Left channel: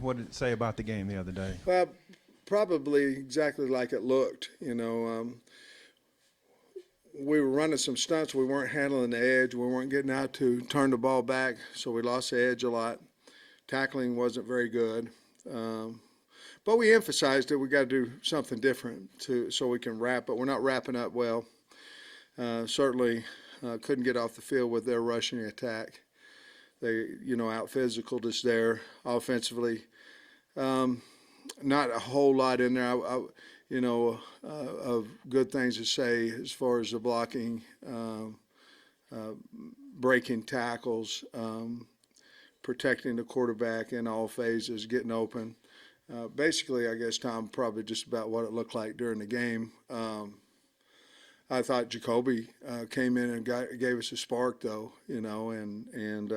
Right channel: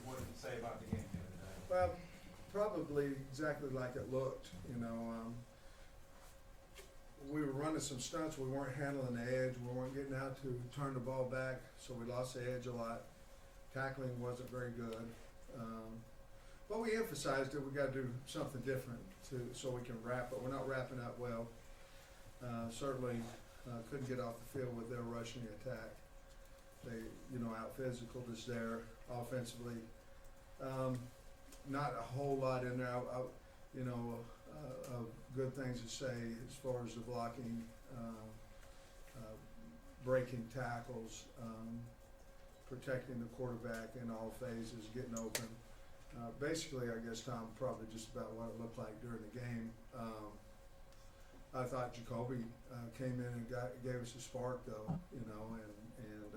what did it say about the game the other day? Well, probably exactly like it looked. We were running some stunts. We weren't handling the edge. We weren't getting out to turn the ball back, so we lost the edge a lot. Tackling wasn't very good. But we emphasized that we got to do something different so we can wrap, but we're not wrapping up well. Certainly couldn't get off the field with their rushing attack. They, out physicaled us there offensively. Not a whole lot in there, of good things to say as far as the blocking, breaking tackles, protecting the quarterback in all phases, getting open. Basically, I guess, Tom, probably just about what it looked like during the game. I thought Jacoby came in and gave us a spark, though, and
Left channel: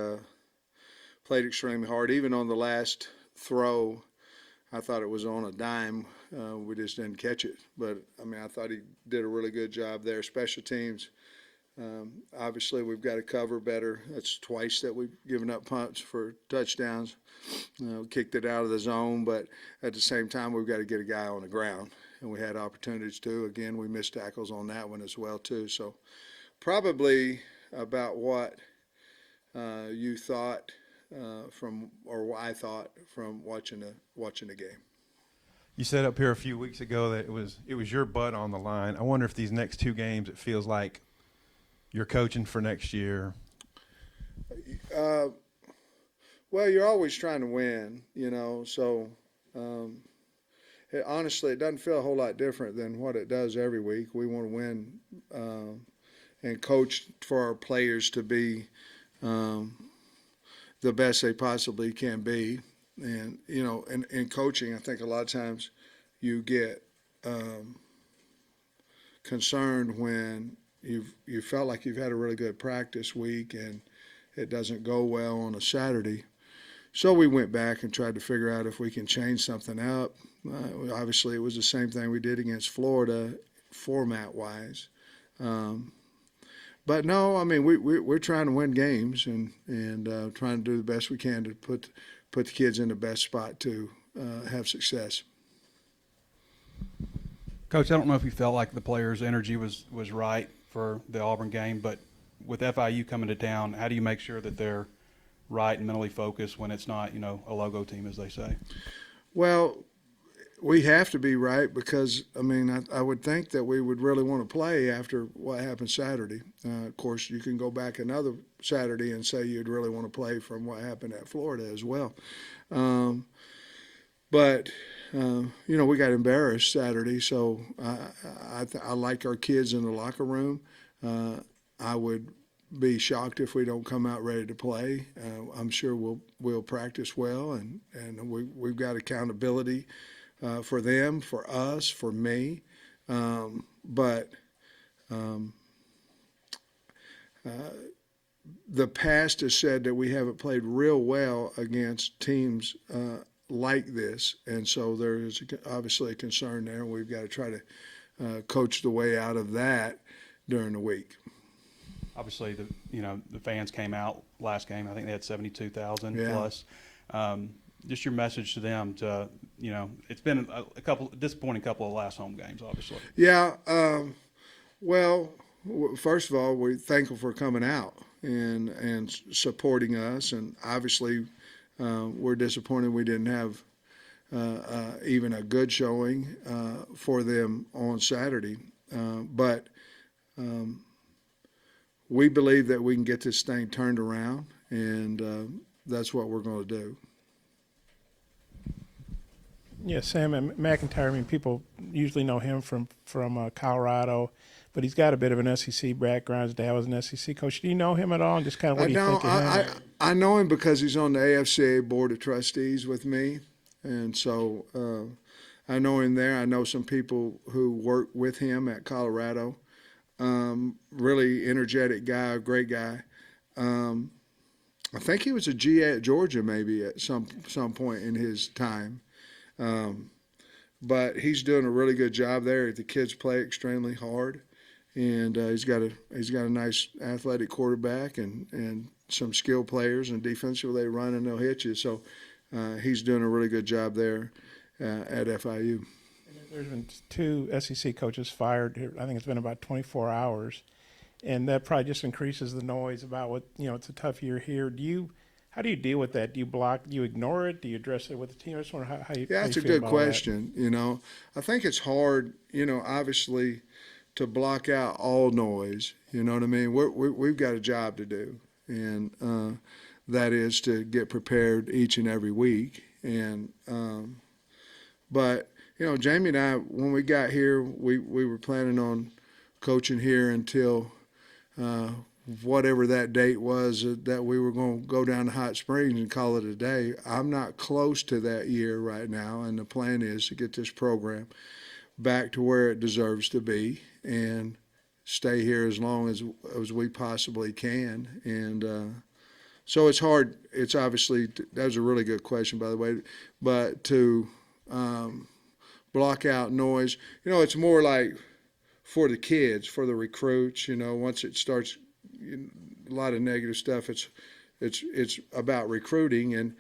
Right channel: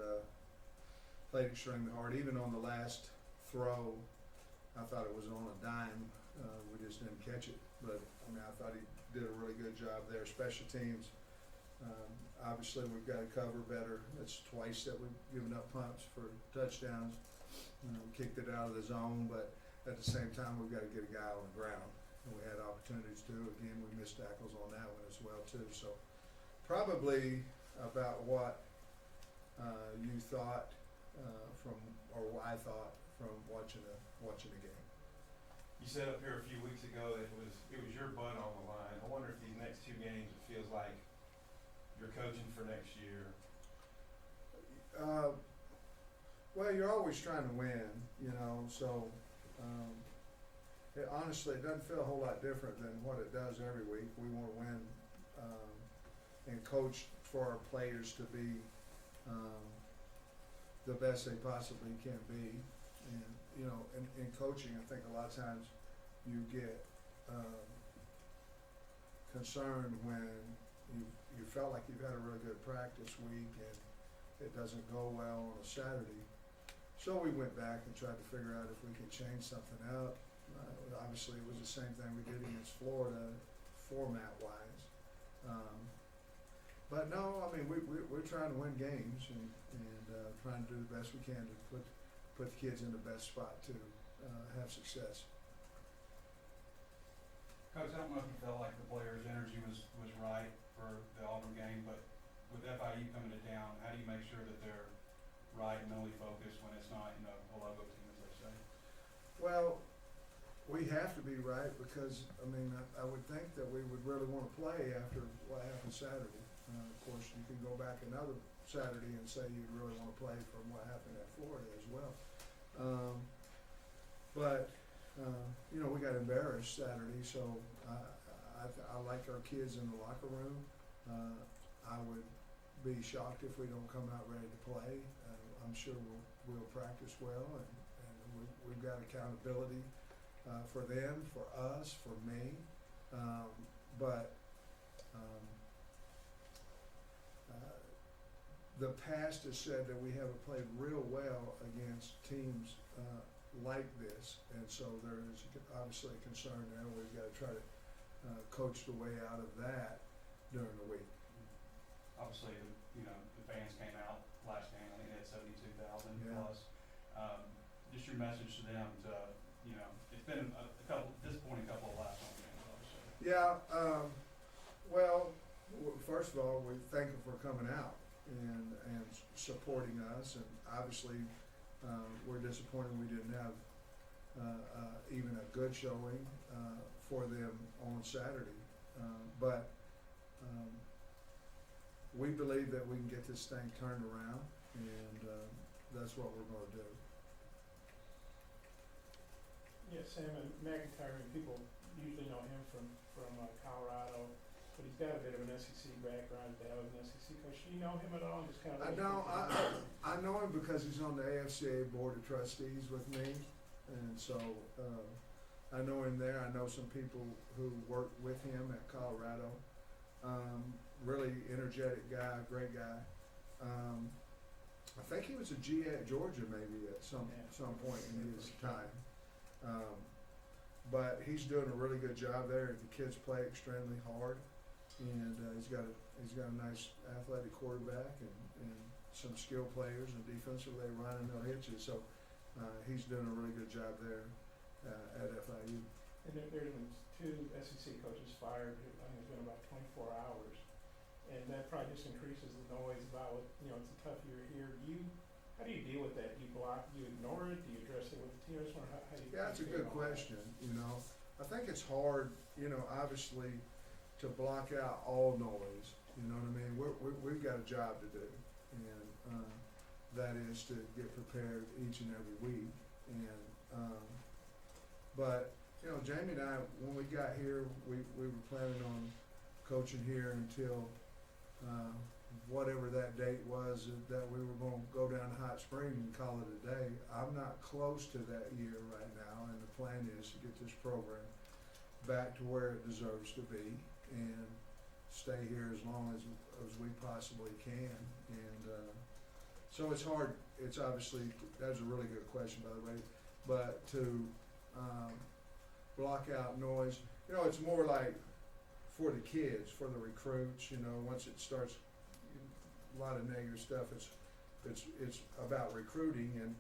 played extremely hard. Even on the last throw, I thought it was on a dime. We just didn't catch it. But, I thought he did a really good job there. Special teams, obviously, we've got to cover better. That's twice that we've given up punts for touchdowns. Kicked it out of the zone, but at the same time, we've got to get a guy on the ground. And we had opportunities to. Again, we missed tackles on that one as well, too. So probably about what you thought or what I thought from watching the game. You said up here a few weeks ago that it was your butt on the line. I wonder if these next two games it feels like you're coaching for next year. Well, you're always trying to win, so honestly, it doesn't feel a whole lot different than what it does every week. We want to win and coach for our players to be the best they possibly can be. And, in coaching, I think a lot of times you get concerned when you felt like you've had a really good practice week and it doesn't go well on a Saturday. So we went back and tried to figure out if we can change something up. Obviously, it was the same thing we did against Florida, format-wise. But no, we're trying to win games and trying to do the best we can to put the kids in the best spot to have success. Coach, I don't know if you felt like the players' energy was right for the Auburn game, but with FIU coming to town, how do you make sure that they're right and mentally focused when it's not, a logo team, as they say? Well, we have to be right because, I would think that we would really want to play after what happened Saturday. Of course, you can go back another Saturday and say you'd really want to play from what happened at Florida as well. But we got embarrassed Saturday, so I like our kids in the locker room. I would be shocked if we don't come out ready to play. I'm sure we'll practice well, and we've got accountability for them, for us, for me. But the past has said that we haven't played real well against teams like this, and so there is obviously a concern there, and we've got to try to coach the way out of that during the week. Obviously, the fans came out last game. I think they had 72,000 Yeah. plus. Just your message to them to, it's been a disappointing couple of last home games, obviously. Yeah. Well, first of all, we're thankful for coming out and supporting us, and obviously we're disappointed we didn't have even a good showing for them on Saturday. But we believe that we can get this thing turned around, and that's what we're going to do. Yeah, Sam McIntyre, people usually know him from Colorado, but he's got a bit of an SEC background. His dad was an SEC coach. Do you know him at all? Just kind of what do you think of him? I know him because he's on the AFCA Board of Trustees with me, and so I know him there. I know some people who work with him at Colorado. Really energetic guy, great guy. I think he was a GA at Georgia maybe at some point in his time. But he's doing a really good job there. The kids play extremely hard, and he's got a nice athletic quarterback and some skilled players, and defensively they run and they'll hit you. So he's doing a really good job there at FIU. There's been 2 SEC coaches fired. I think it's been about 24 hours, and that probably just increases the noise about what it's a tough year here. How do you deal with that? Do you block? Do you ignore it? Do you address it with the team? I just wonder how you. Yeah, how that's you a feel good about question. I think it's hard. Obviously, to block out all noise. You know what I mean? We've got a job to do, and that is to get prepared each and every week. And but Jamie and I, when we got here, we were planning on coaching here until whatever that date was that we were going to go down to Hot Springs and call it a day. I'm not close to that year right now, and the plan is to get this program back to where it deserves to be and stay here as long as we possibly can. And so it's hard. It's obviously, that was a really good question, by the way, but to block out noise, it's more like for the kids, for the recruits, once it starts, a lot of negative stuff, it's about recruiting. And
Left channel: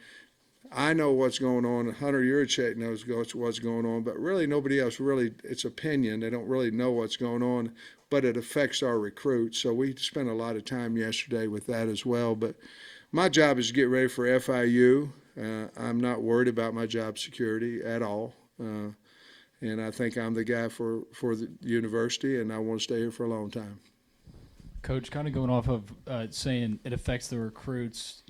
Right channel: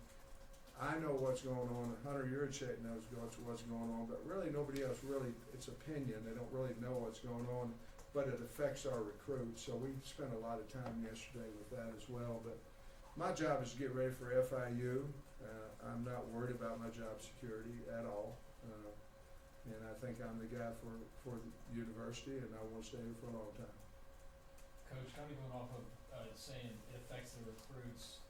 I know what's going on. Hunter Yurachek knows what's going on, but really nobody else really, it's opinion. They don't really know what's going on, but it affects our recruits. So we spent a lot of time yesterday with that as well. But my job is to get ready for FIU. I'm not worried about my job security at all. And I think I'm the guy for the university, and I want to stay here for a long time. Coach, kind of going off of saying it affects the recruits,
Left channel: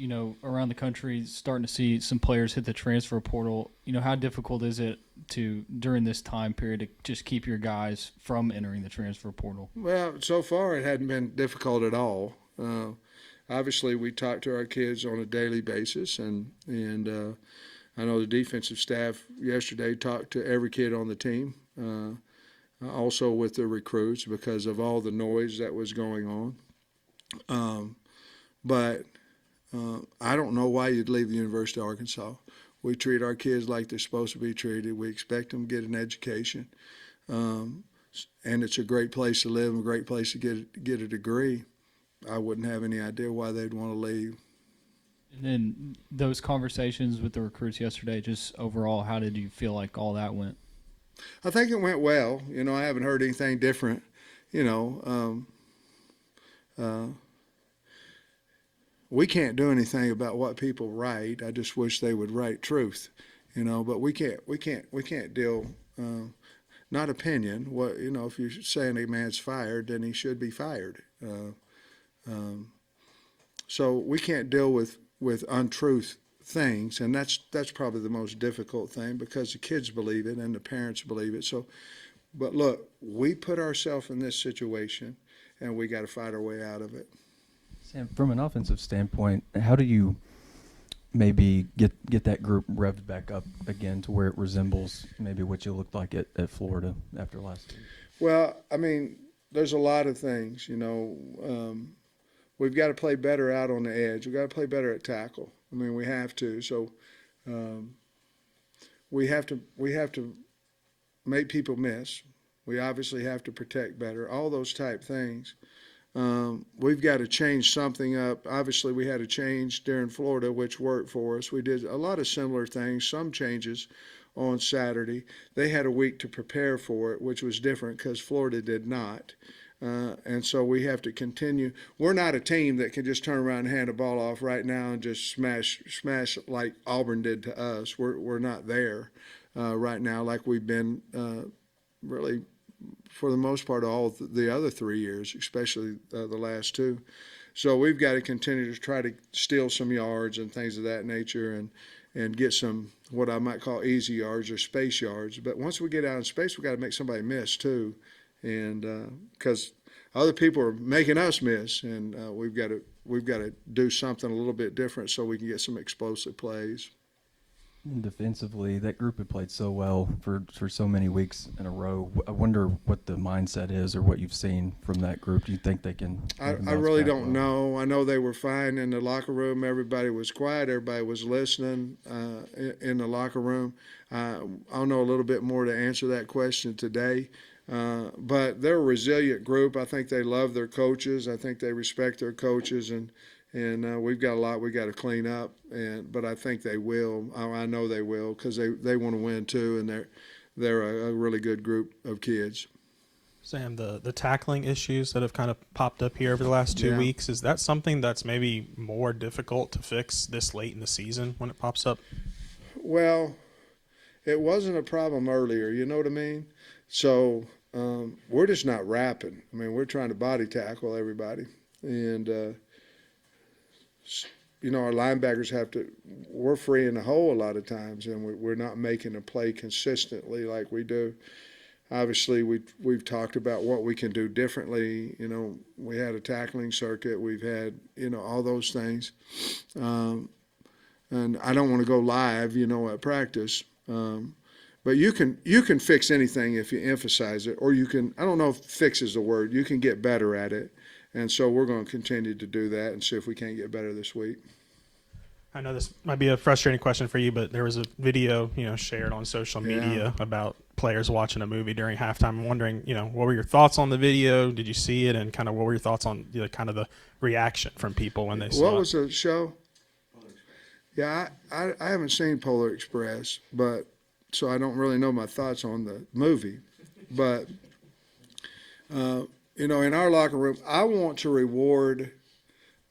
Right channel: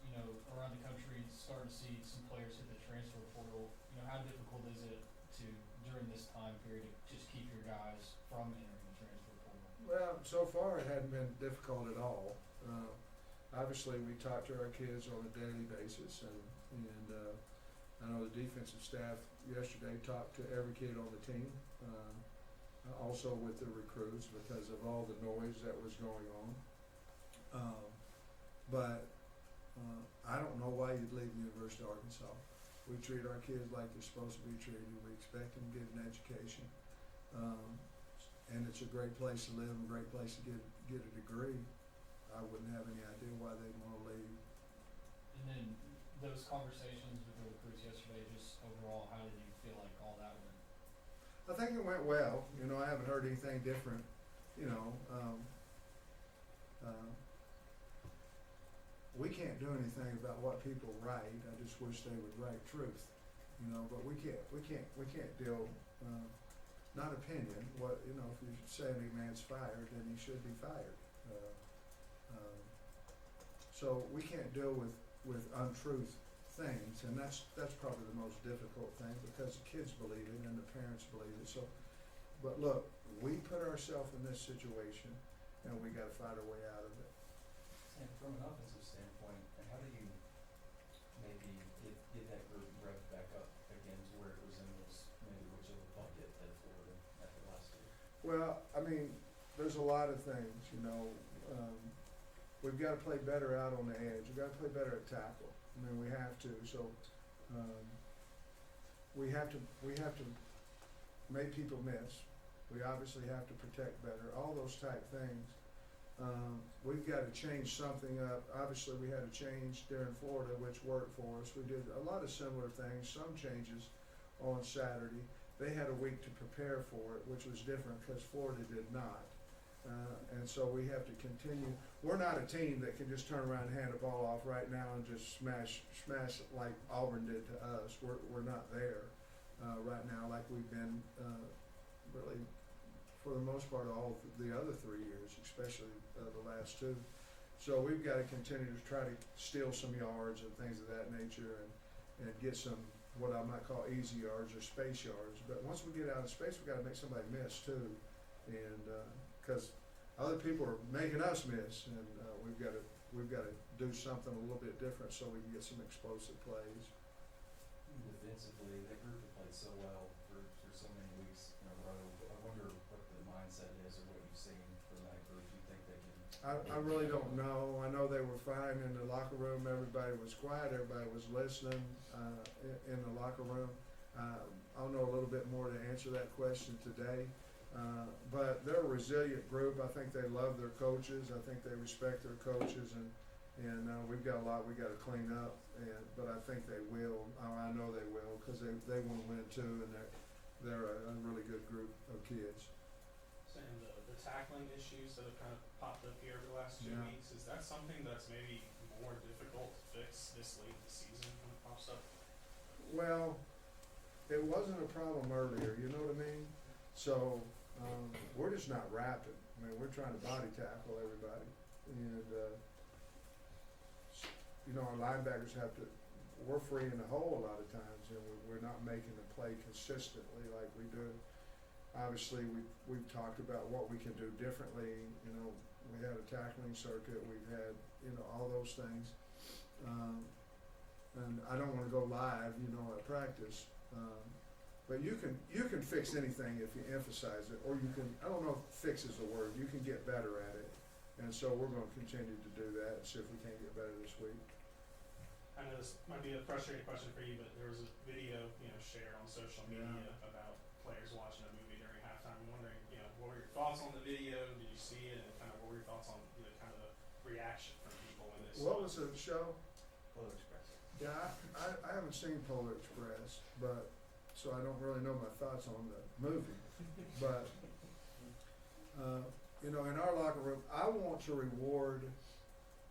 around the country, starting to see some players hit the transfer portal. How difficult is it to, during this time period, to just keep your guys from entering the transfer portal? Well, so far it hadn't been difficult at all. Obviously, we talk to our kids on a daily basis, and I know the defensive staff yesterday talked to every kid on the team. Also with the recruits because of all the noise that was going on. But I don't know why you'd leave the University of Arkansas. We treat our kids like they're supposed to be treated. We expect them to get an education. And it's a great place to live and a great place to get a degree. I wouldn't have any idea why they'd want to leave. And then those conversations with the recruits yesterday, just overall, how did you feel like all that went? I think it went well. I haven't heard anything different. We can't do anything about what people write. I just wish they would write truth, But we can't deal. Not opinion. What if you're saying a man's fired, then he should be fired. So we can't deal with untruth things, and that's probably the most difficult thing because the kids believe it and the parents believe it. So, but look, we put ourselves in this situation, and we got to fight our way out of it. Sam, from an offensive standpoint, how do you maybe get that group revved back up again to where it resembles maybe what you looked like at Florida after last year? Well, there's a lot of things. We've got to play better out on the edge. We've got to play better at tackle. We have to. So we have to make people miss. We obviously have to protect better. All those type things. We've got to change something up. Obviously, we had a change during Florida, which worked for us. We did a lot of similar things, some changes on Saturday. They had a week to prepare for it, which was different because Florida did not. And so we have to continue. We're not a team that can just turn around and hand the ball off right now and just smash like Auburn did to us. We're not there right now like we've been really for the most part all the other 3 years, especially the last 2. So we've got to continue to try to steal some yards and things of that nature and get some what I might call easy yards or space yards. But once we get out in space, we've got to make somebody miss too. And because other people are making us miss, and we've got to do something a little bit different so we can get some explosive plays. Defensively, that group had played so well for so many weeks in a row. I wonder what the mindset is or what you've seen from that group. Do you think they can? I really don't know. I know they were fine in the locker room. Everybody was quiet. Everybody was listening in the locker room. I'll know a little bit more to answer that question today. But they're a resilient group. I think they love their coaches. I think they respect their coaches, and and we've got a lot we got to clean up. But I think they will. I know they will because they want to win too, and they're a really good group of kids. Sam, the tackling issues that have kind of popped up here over the last 2 Yeah. weeks, is that something that's maybe more difficult to fix this late in the season when it pops up? Well, it wasn't a problem earlier. You know what I mean? So we're just not rapping. I mean, we're trying to body tackle everybody, and our linebackers have to. We're free in the hole a lot of times, and we're not making a play consistently like we do. Obviously, we've talked about what we can do differently. We had a tackling circuit. We've had all those things, and I don't want to go live, at practice. But you can fix anything if you emphasize it, or you can. I don't know if fix is the word. You can get better at it, and so we're going to continue to do that and see if we can't get better this week. I know this might be a frustrating question for you, but there was a video, shared on social media about players watching a movie during halftime. I'm wondering, what were your thoughts on the video? Did you see it? And kind of what were your thoughts on kind of the reaction from people when they saw it? What was the show? Yeah, I haven't seen Polar Express, but so I don't really know my thoughts on the movie. But, in our locker room, I want to reward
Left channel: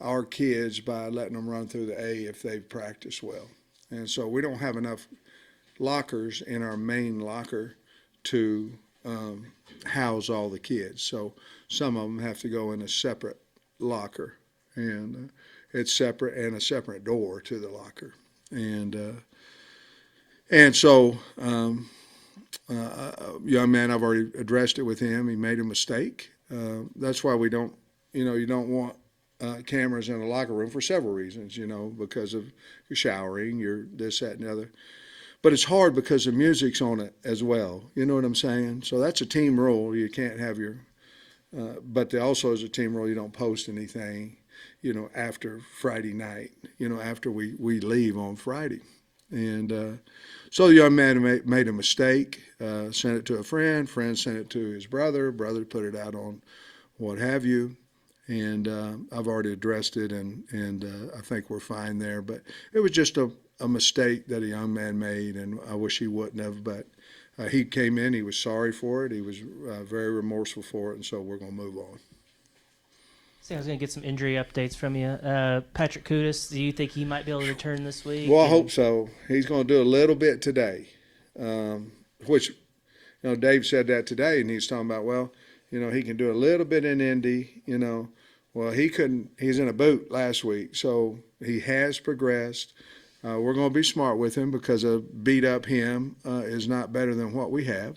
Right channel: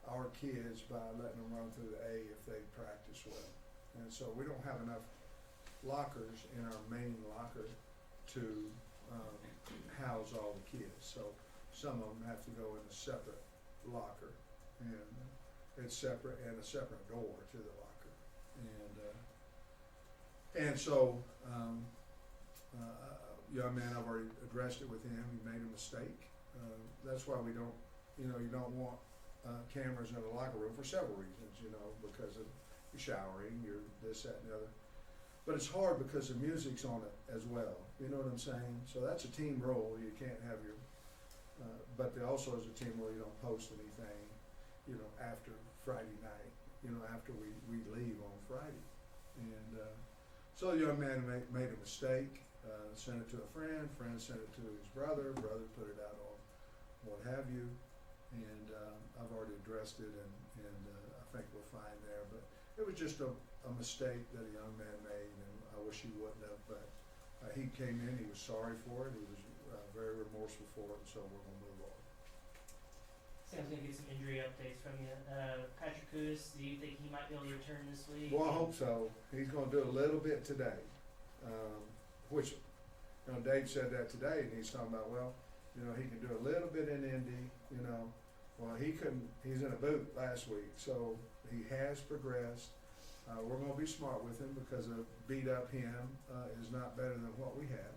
our kids by letting them run through the A if they've practiced well. And so we don't have enough lockers in our main locker to house all the kids. So some of them have to go in a separate locker, and it's separate and a separate door to the locker. And so young man, I've already addressed it with him. He made a mistake. That's why we don't, you don't want cameras in a locker room for several reasons, because of your showering, your this, that, and the other. But it's hard because the music's on it as well. You know what I'm saying? So that's a team rule. You can't have your but there also is a team rule. You don't post anything, after Friday night, after we leave on Friday. And so the young man made a mistake, sent it to a friend sent it to his brother put it out on what have you. And I've already addressed it, and I think we're fine there. But it was just a mistake that a young man made, and I wish he wouldn't have. But he came in, he was sorry for it, he was very remorseful for it, and so we're going to move on. So I was going to get some injury updates from you. Patrick Kudus, do you think he might be able to return this week? Well, I hope so. He's going to do a little bit today, which, Dave said that today, and he's talking about, he can do a little bit in Indy, Well, he couldn't. He's in a boot last week, so he has progressed. We're going to be smart with him because a beat up him is not better than what we have.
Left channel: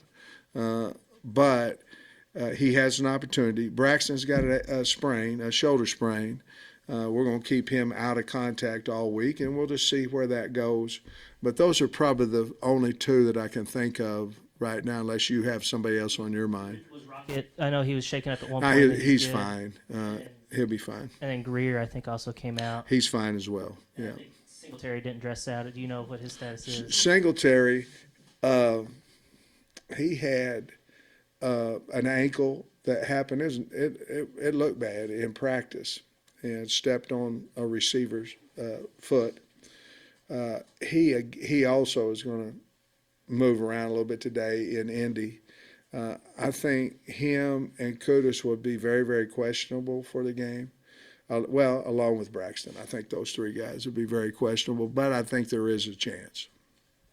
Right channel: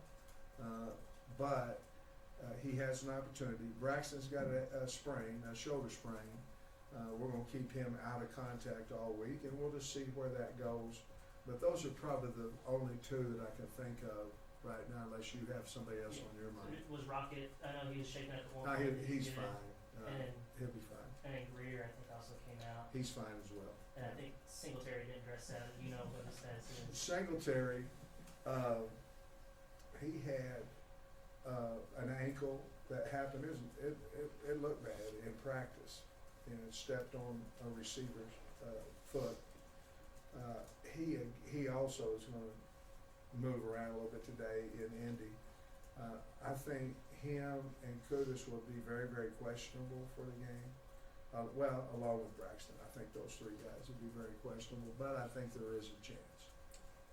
But he has an opportunity. Braxton's got a sprain, a shoulder sprain. We're going to keep him out of contact all week, and we'll just see where that goes. But those are probably the only two that I can think of right now, unless you have somebody else on your mind. Was Rocket? I know he was shaken up at one point. He's fine. He'll be fine. And then Greer, I think, also came out. He's fine as well. Yeah. I think Singletary didn't dress out. Do you know what his status is? Singletary, he had an ankle that happened. It looked bad in practice, and stepped on a receiver's foot. He also is going to move around a little bit today in Indy. I think him and Kudus would be very, very questionable for the game. Along with Braxton. I think those three guys would be very questionable, but I think there is a chance.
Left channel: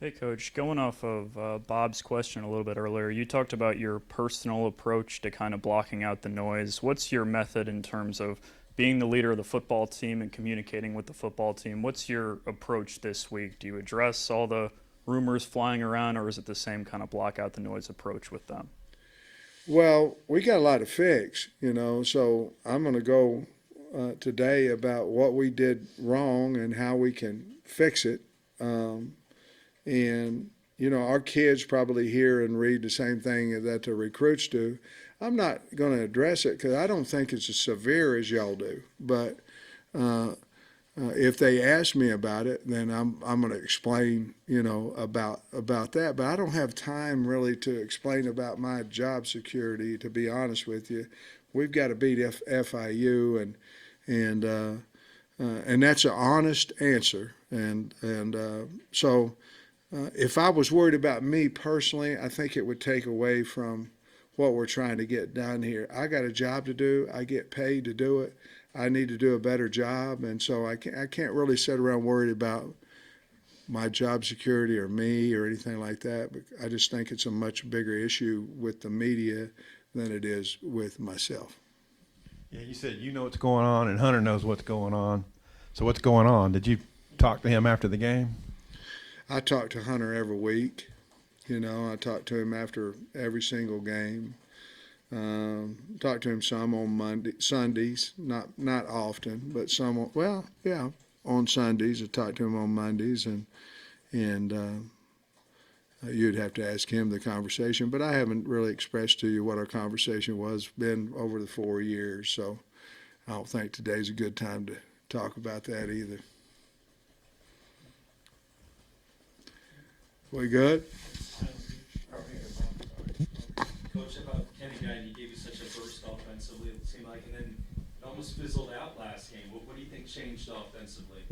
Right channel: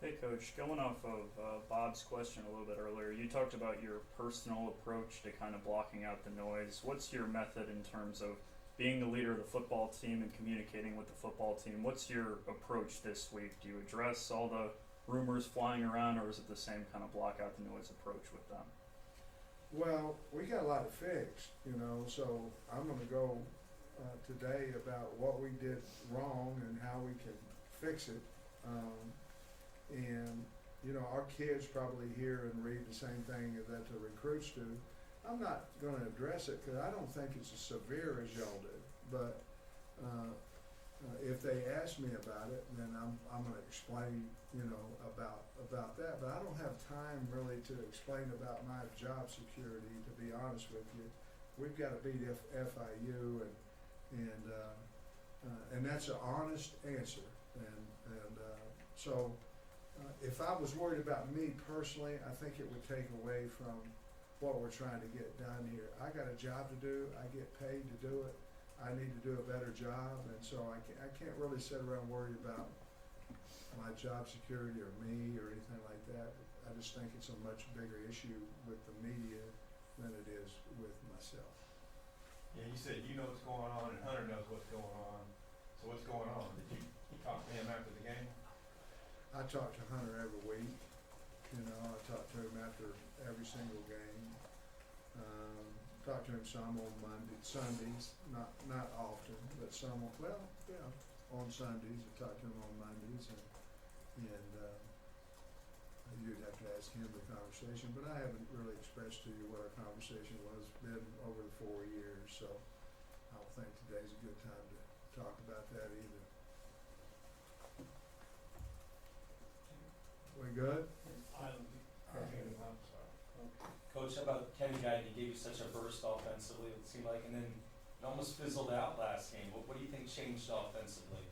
Hey, Coach, going off of Bob's question a little bit earlier, you talked about your personal approach to kind of blocking out the noise. What's your method in terms of being the leader of the football team and communicating with the football team? What's your approach this week? Do you address all the rumors flying around, or is it the same kind of block out the noise approach with them? Well, we got a lot to fix, so I'm going to go today about what we did wrong and how we can fix it. And, our kids probably hear and read the same thing that the recruits do. I'm not going to address it because I don't think it's as severe as y'all do. But if they ask me about it, then I'm going to explain, about that. But I don't have time really to explain about my job security, to be honest with you. We've got to beat FIU, and and that's an honest answer. So if I was worried about me personally, I think it would take away from what we're trying to get done here. I got a job to do. I get paid to do it. I need to do a better job, and so I can't really sit around worried about my job security or me or anything like that. But I just think it's a much bigger issue with the media than it is with myself. Yeah, you said you know what's going on, and Hunter knows what's going on. So what's going on? Did you talk to him after the game? I talk to Hunter every week. I talk to him after every single game. Talk to him some on Sundays, not often, but some. Well, yeah, on Sundays. I talk to him on Mondays, and you'd have to ask him the conversation. But I haven't really expressed to you what our conversation was been over the 4 years, so I don't think today's a good time to talk about that either. We good? Coach, how about Kenny Guy? He gave you such a burst offensively, it seemed like, and then it almost fizzled out last game. What do you think changed offensively?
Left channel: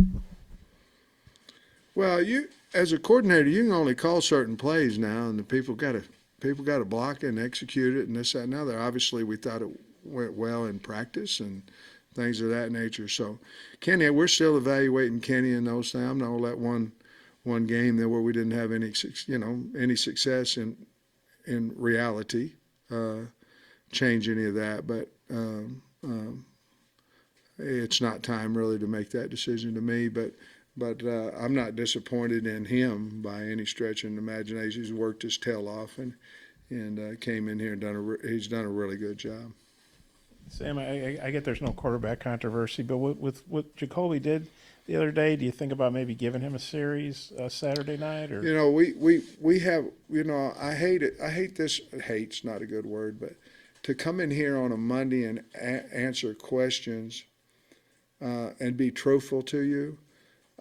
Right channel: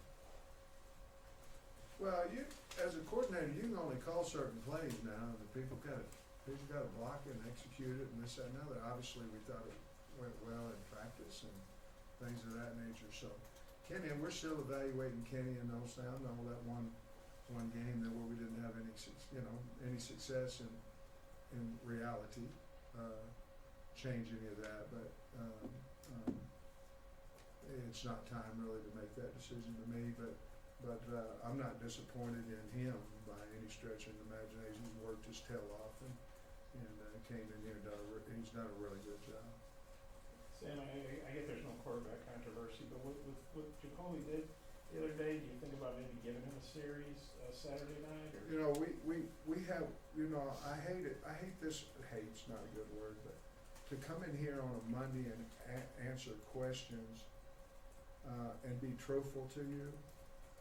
Well, you as a coordinator, you can only call certain plays now, and the people got to block it and execute it, and this, that, and the other. Obviously, we thought it went well in practice and things of that nature. So, Kenny, we're still evaluating Kenny and those things. I'm not gonna let one game there where we didn't have any success in reality change any of that. But it's not time really to make that decision to me. But I'm not disappointed in him by any stretch of the imagination. He's worked his tail off and came in here and he's done a really good job. Sam, I get there's no quarterback controversy, but with what Jacoby did the other day, do you think about maybe giving him a series Saturday night? Or we have I hate it. I hate this. Hate's not a good word, but to come in here on a Monday and answer questions and be truthful to you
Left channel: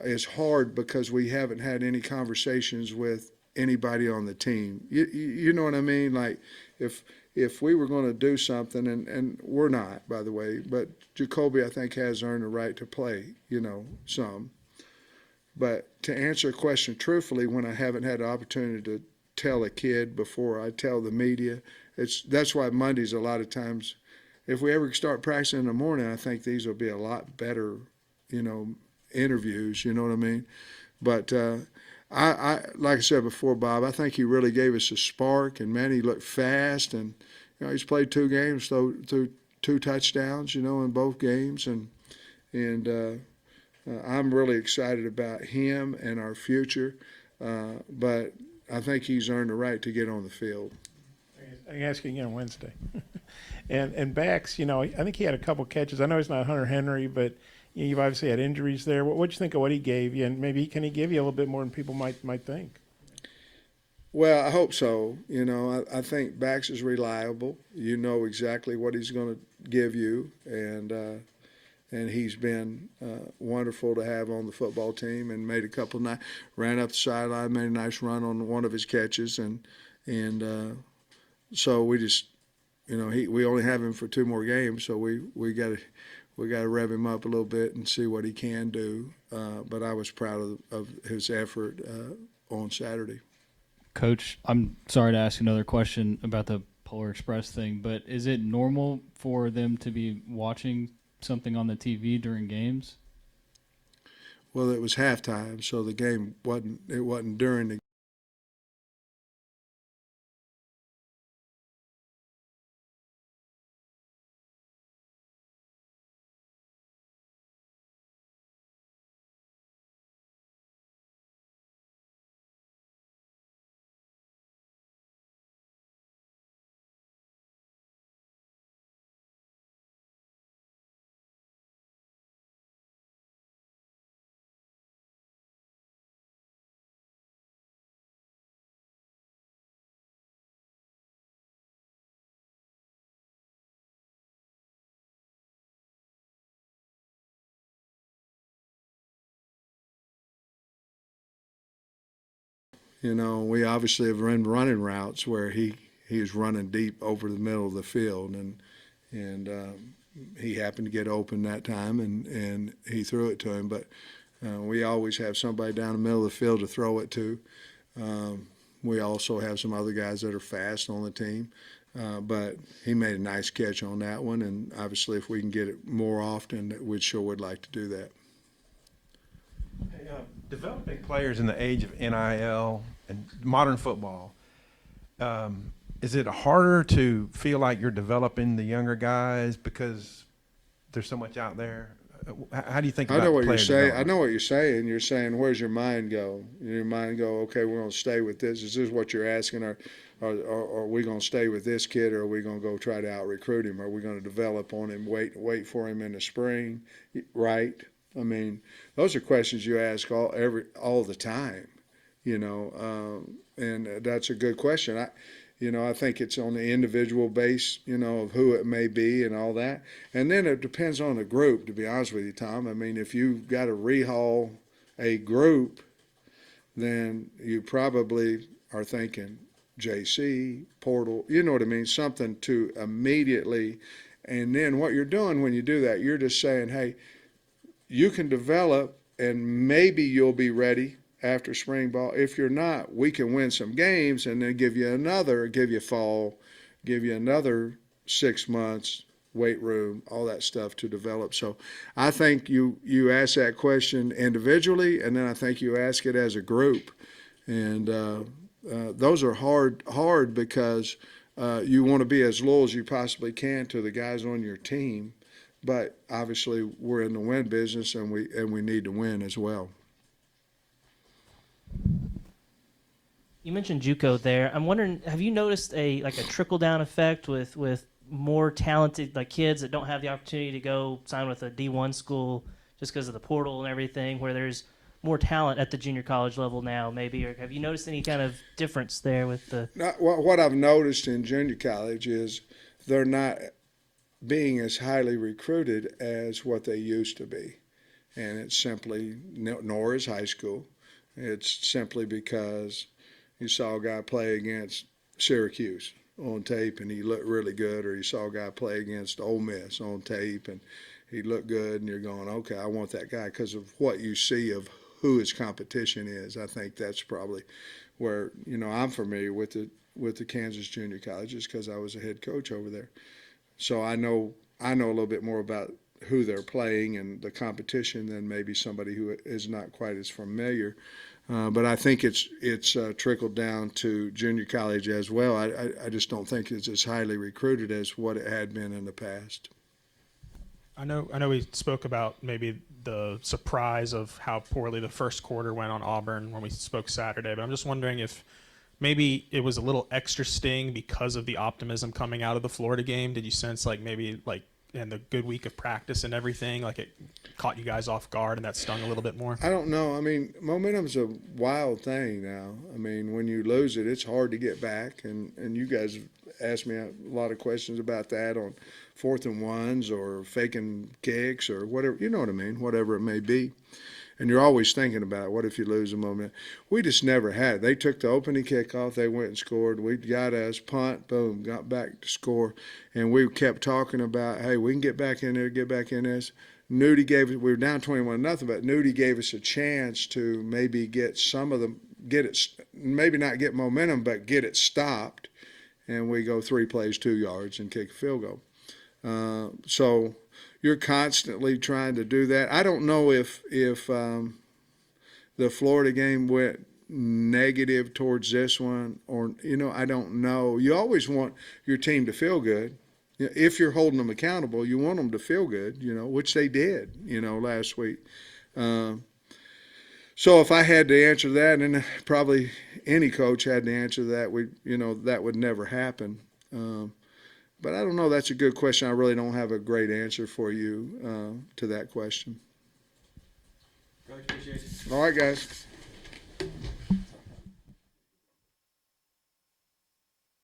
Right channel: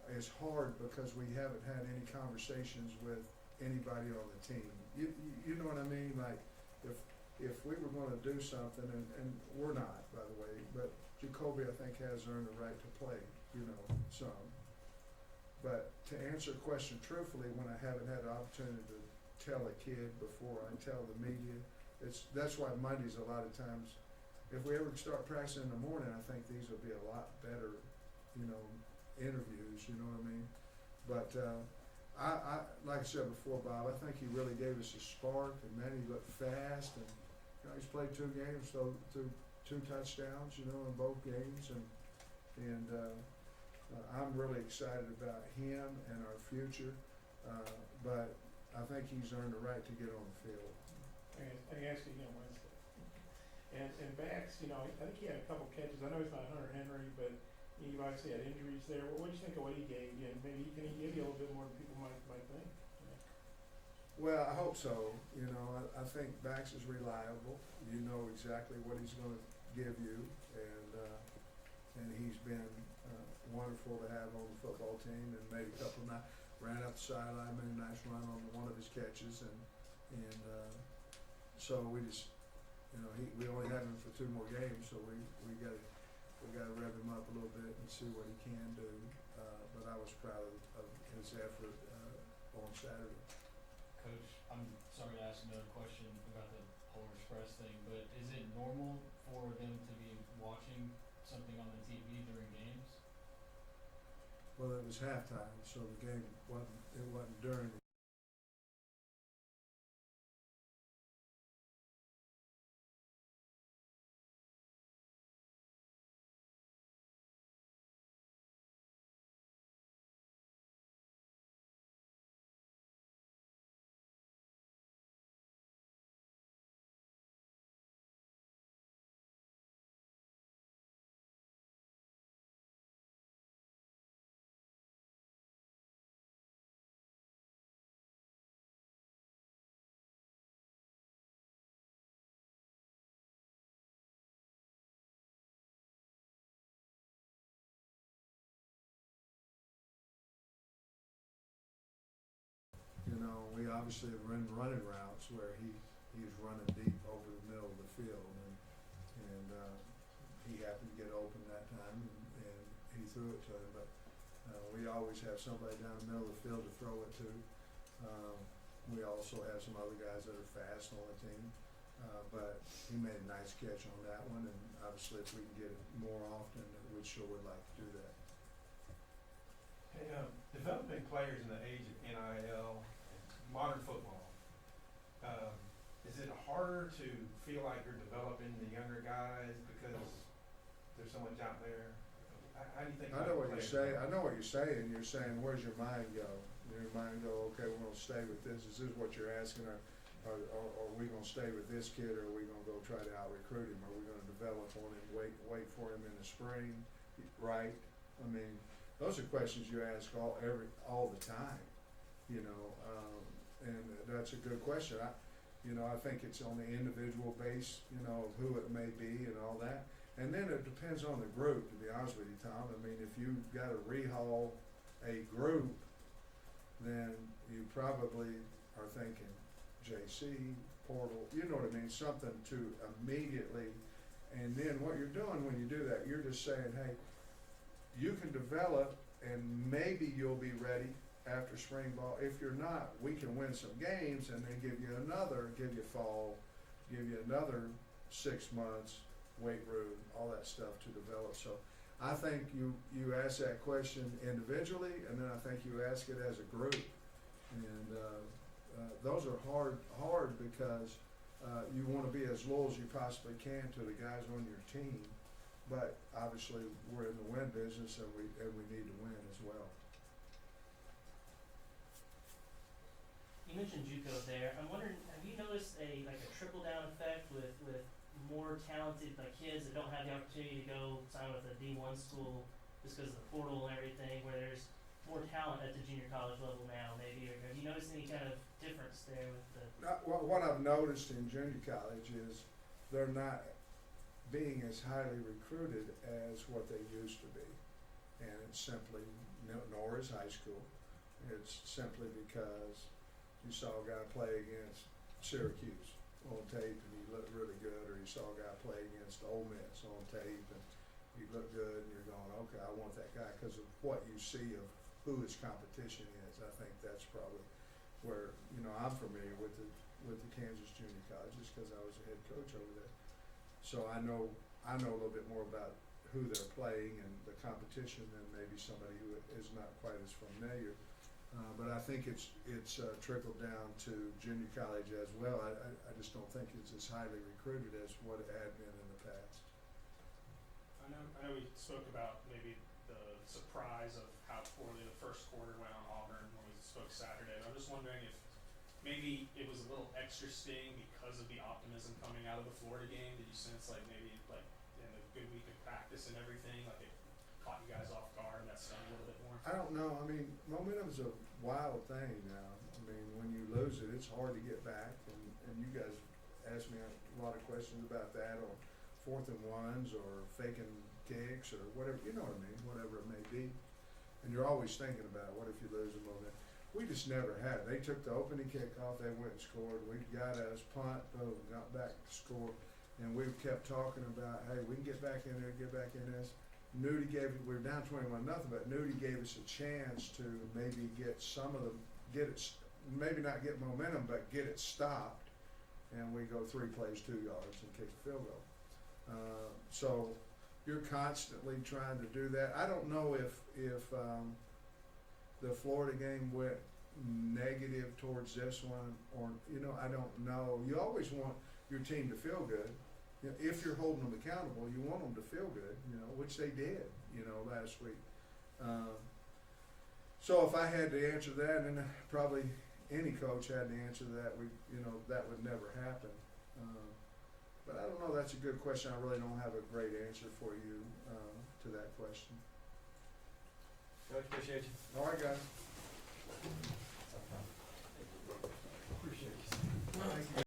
is hard because we haven't had any conversations with anybody on the team. You know what I mean? Like if we were going to do something, and we're not, by the way, but Jacoby, I think, has earned the right to play, some. But to answer a question truthfully when I haven't had the opportunity to tell a kid before I tell the media, that's why Mondays a lot of times, if we ever start practicing in the morning, I think these will be a lot better, interviews, you know what I mean? But I like I said before, Bob, I think he really gave us a spark, and man, he looked fast, and he's played 2 games, threw 2 touchdowns, in both games, and I'm really excited about him and our future. But I think he's earned the right to get on the field. I can ask you again Wednesday. and Bax, I think he had a couple catches. I know he's not Hunter Henry, but you've obviously had injuries there. What'd you think of what he gave you, and maybe can he give you a little bit more than people might think? Well, I hope so. I think Bax is reliable. You know exactly what he's going to give you, and he's been wonderful to have on the football team. And made a couple ran up the sideline, made a nice run on one of his catches, and so we just, we only have him for 2 more games, so we got to rev him up a little bit and see what he can do. But I was proud of his effort on Saturday. Coach, I'm sorry to ask another question about the Polar Express thing, but is it normal for them to be watching something on the TV during games? Well, it was halftime, so the game wasn't during the we obviously have run running routes where he is running deep over the middle of the field, and he happened to get open that time, and he threw it to him. But we always have somebody down the middle of the field to throw it to. We also have some other guys that are fast on the team. But he made a nice catch on that one, and obviously if we can get it more often, we sure would like to do that. Hey, developing players in the age of NIL and modern football, is it harder to feel like you're developing the younger guys because there's so much out there? How do you think about I know what you're player saying. I development? know what you're saying. You're saying, where's your mind go? Your mind go, okay, we're going to stay with this. Is this what you're asking? Or are we going to stay with this kid, or are we going to go try to out-recruit him? Are we going to develop on him, wait for him in the spring, right? I mean, those are questions you ask all the time, you know, and that's a good question. I think it's on the individual base, you know, of who it may be and all that. And then it depends on the group, to be honest with you, Tom. I mean, if you've got to rehaul a group, then you probably are thinking JC, portal, you know what I mean, something to immediately. And then what you're doing when you do that, you're just saying, hey, you can develop and maybe you'll be ready after spring ball. If you're not, we can win some games and then give you another 6 months, weight room, all that stuff to develop. So I think you ask that question individually, and then I think you ask it as a group. And those are hard because you want to be as loyal as you possibly can to the guys on your team. But obviously we're in the win business, and we need to win as well. You mentioned JUCO there. I'm wondering, have you noticed a trickle down effect with more talented kids that don't have the opportunity to go sign with a D1 school just because of the portal and everything, where there's more talent at the junior college level now, maybe? Or have you noticed any kind of difference there with the? What I've noticed in junior college is they're not being as highly recruited as what they used to be, and it's simply, nor is high school. It's simply because you saw a guy play against Syracuse on tape and he looked really good, or you saw a guy play against Ole Miss on tape and he looked good, and you're going, okay, I want that guy because of what you see of who his competition is. I think that's probably where, I'm familiar with the Kansas Junior Colleges because I was a head coach over there. So I know a little bit more about who they're playing and the competition than maybe somebody who is not quite as familiar. But I think it's trickled down to junior college as well. I just don't think it's as highly recruited as what it had been in the past. I know we spoke about maybe the surprise of how poorly the first quarter went on Auburn when we spoke Saturday, but I'm just wondering if maybe it was a little extra sting because of the optimism coming out of the Florida game. Did you sense maybe in the good week of practice and everything, it caught you guys off guard and that stung a little bit more? I don't know. I mean, momentum's a wild thing now. I mean, when you lose it, it's hard to get back. And you guys asked me a lot of questions about that on 4th and 1s or faking kicks or whatever, you know what I mean, whatever it may be. And you're always thinking about it. What if you lose a moment? We just never had it. They took the opening kickoff. They went and scored. We got us, punt, boom, got back to score. And we kept talking about, hey, we can get back in there, get back in this. Nudie gave it, we were down 21-0, but Nudie gave us a chance to maybe get some of them, maybe not get momentum, but get it stopped. And we go 3 plays, 2 yards, and kick a field goal. So you're constantly trying to do that. I don't know if the Florida game went negative towards this one, or I don't know. You always want your team to feel good. If you're holding them accountable, you want them to feel good, which they did, last week. So if I had to answer that, and probably any coach had to answer that, that would never happen. But I don't know. That's a good question. I really don't have a great answer for you to that question. Coach, appreciate you. All right, guys.